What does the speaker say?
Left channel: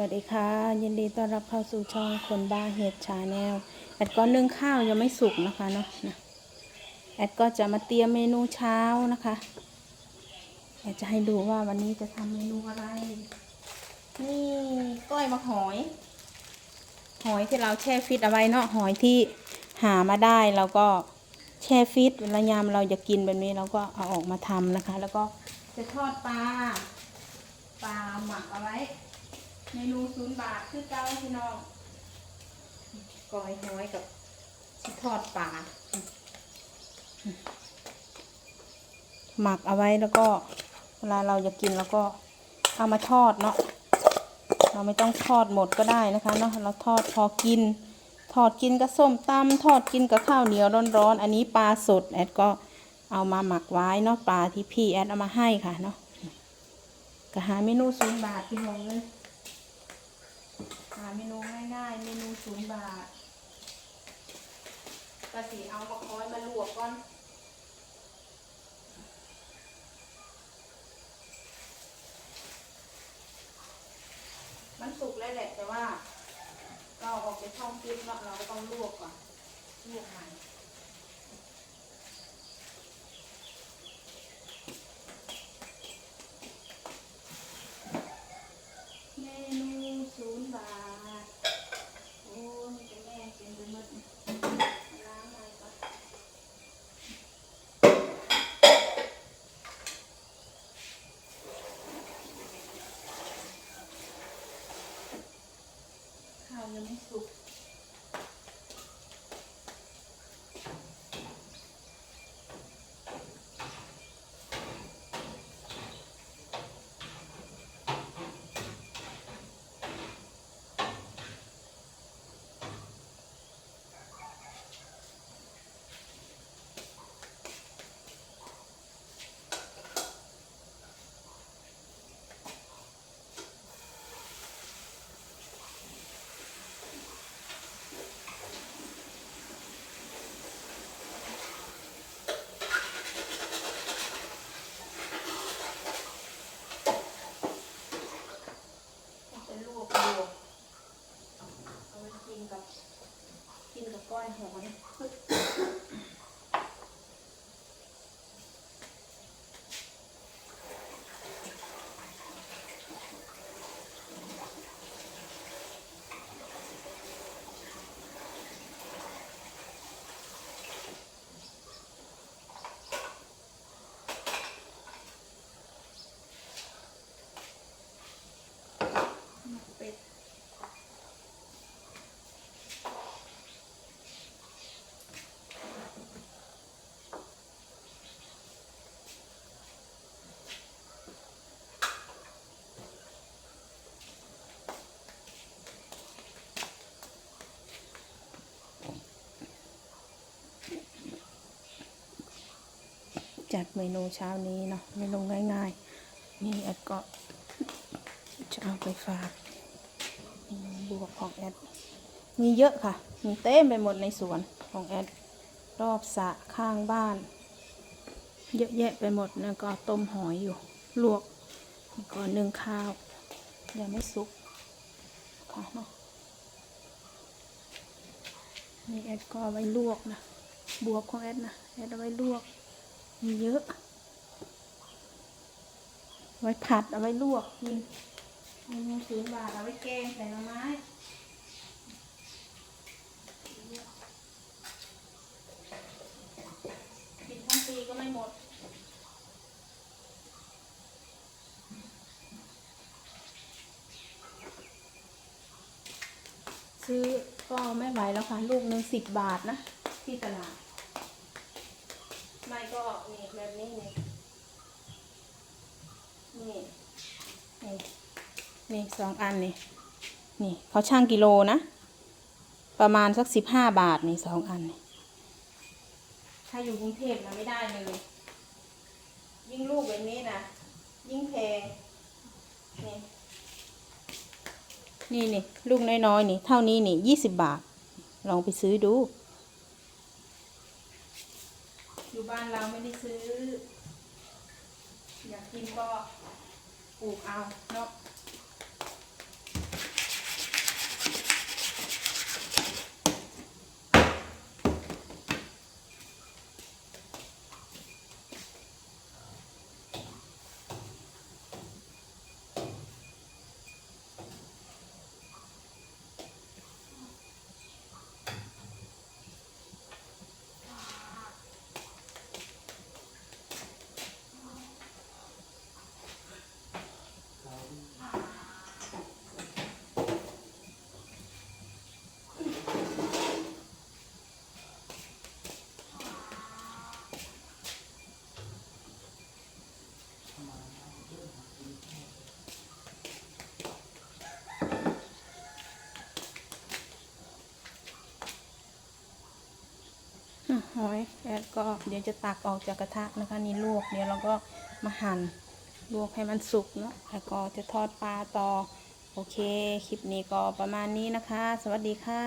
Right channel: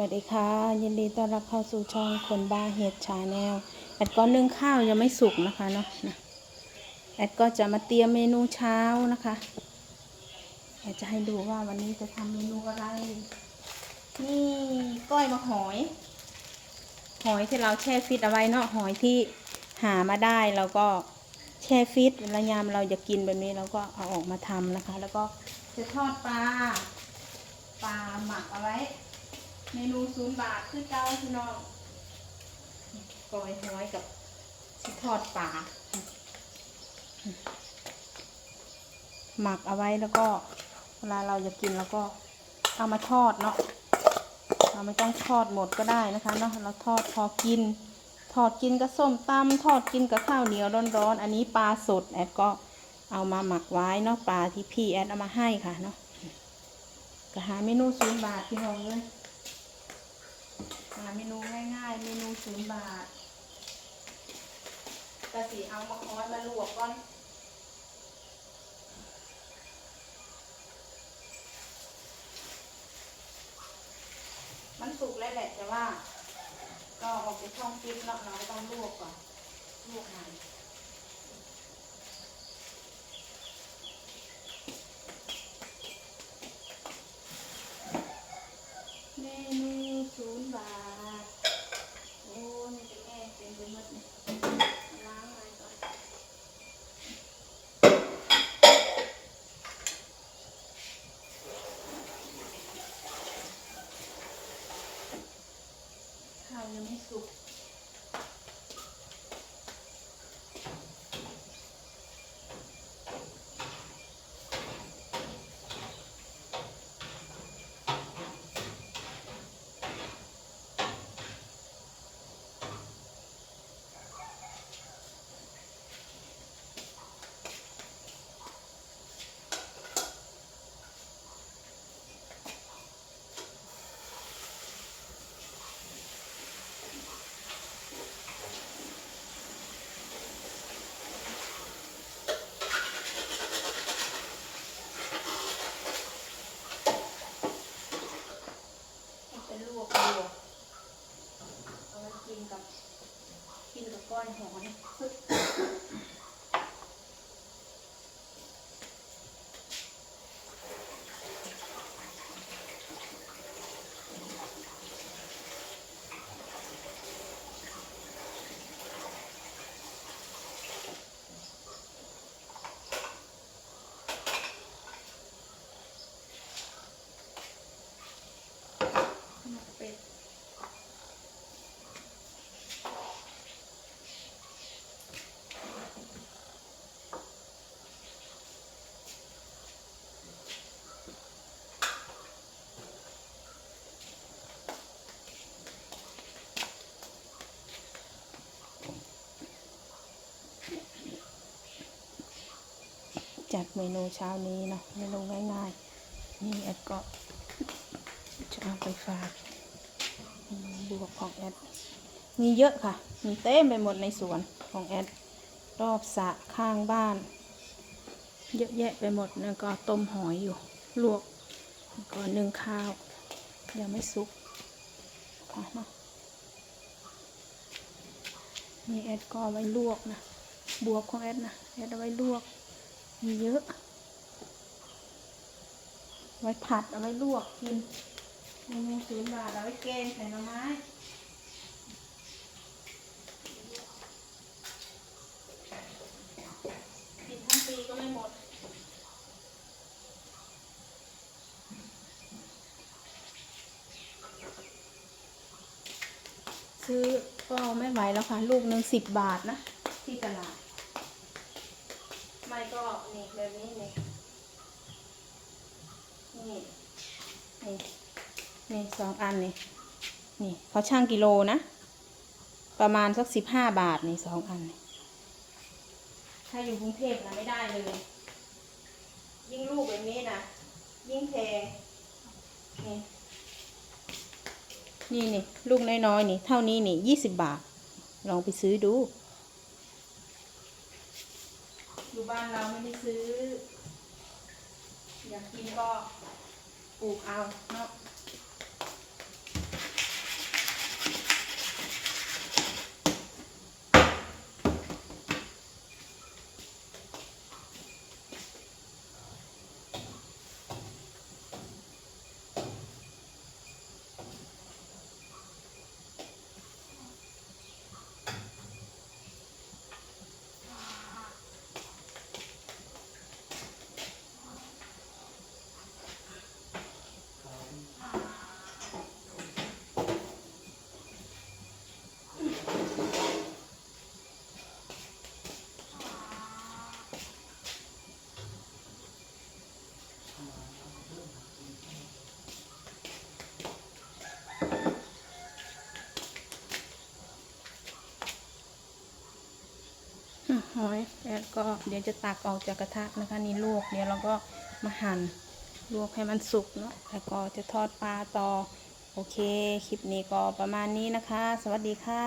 วัสดีค่ะ ยินดีต้อนรับเข้าสู่ช่องคนบ้าเห็ดชาแนลแอดก็นึ่งข้าวยังไม่สุกนะคะเนาะนะแอดก็จะมาเตรียมเมนูเช้านะคะเราจะให้ดูว่าวันนี้จะทำเมนูอะไร นี่ก้อยมะหอย หอยที่เราแช่ฟิตเอาไว้เนาะหอยที่หามาได้เราก็แช่ฟิตเวลายามเราจะกินแบบนี้เราก็เอาออกมาทำนะคะ แล้วก็จะทอดปลาปลาหมักเอาไว้ เมนูศูนย์บาทคือเก้าพี่น้องกอยหอยกับชิทอดปลาหมักเอาไว้แล้วก็ เวลาเราจะกินแล้วก็เอามาทอดเนาะเราไม่ต้องทอดหมดก็ได้นะคะเนาะเราทอดพอกิน ทอดกินกับส้มตำทอดกินกับข้าวเหนียวร้อนๆอันนี้ปลาสดแอดก็เอามาหมักไว้เนาะปลาที่พี่แอดเอามาให้ค่ะเนาะก็หาเมนูศูนย์บาทพี่น้องเลย หาเมนูง่ายๆ เมนูศูนย์บาทกะสีเอามะค้อยมาลวกก่อนมันสุกแล้วแหละแต่ว่า ก็ออกจากช่องฟิตเนาะเราก็ต้องลวกก่อนลวกใหม่เมนูศูนย์บาท โอ้ยนี่เป็นแม่เป็นไปหมดนี่ล้างอะไรก่อน ข้าวยังไม่สุก มันจะลวกลวกเอาไว้กินกับ กิน กั จัดเมนูเช้านี้เนาะเมนูง่ายๆ นี่แอดก็จะเอาไปฝากบวกของแอด มีเยอะค่ะ มีเต็มไปหมดในสวนของแอด รอบสระข้างบ้าน เยอะแยะไปหมดแล้วก็ต้มหอยอยู่ ลวกแล้วก็นึ่งข้าว ยังไม่สุกค่ะเนาะนี่แอดก็ไว้ลวกนะ บวกของแอดนะ แอดเอาไว้ลวก มีเยอะ ไว้ผัดเอาไว้ลวกกินเมนูศูนย์บาทเอาไว้แกงใส่หน่อไม้กินทั้งปีก็ไม่หมดซื้อก็ไม่ไหวแล้วค่ะ ลูกหนึ่งสิบบาทนะ ที่ตลาด แบบนี้นี่นี่นี่นี่สองอันนี่นี่เขาช่างกิโลนะ ประมาณสักสิบห้าบาทนี่สองอันนี่ถ้าอยู่กรุงเทพนะไม่ได้เลย ยิ่งลูกแบบนี้นะยิ่งแพงนี่นี่นี่ลูกน้อยๆนี่ เท่านี้นี่ยี่สิบบาท ลองไปซื้อดู อยู่ บ้านเราไม่ได้ซื้อ อยากกินก็ปลูกเอาเนาะ หอยแล้วก็เดี๋ยวจะตักออกจากกระทะนะคะนี่ลวกเดี๋ยวเราก็มาหั่นลวกให้มันสุกเนาะแล้วก็จะทอดปลาต่อ โอเค คลิปนี้ก็ประมาณนี้นะคะ สวัสดีค่ะ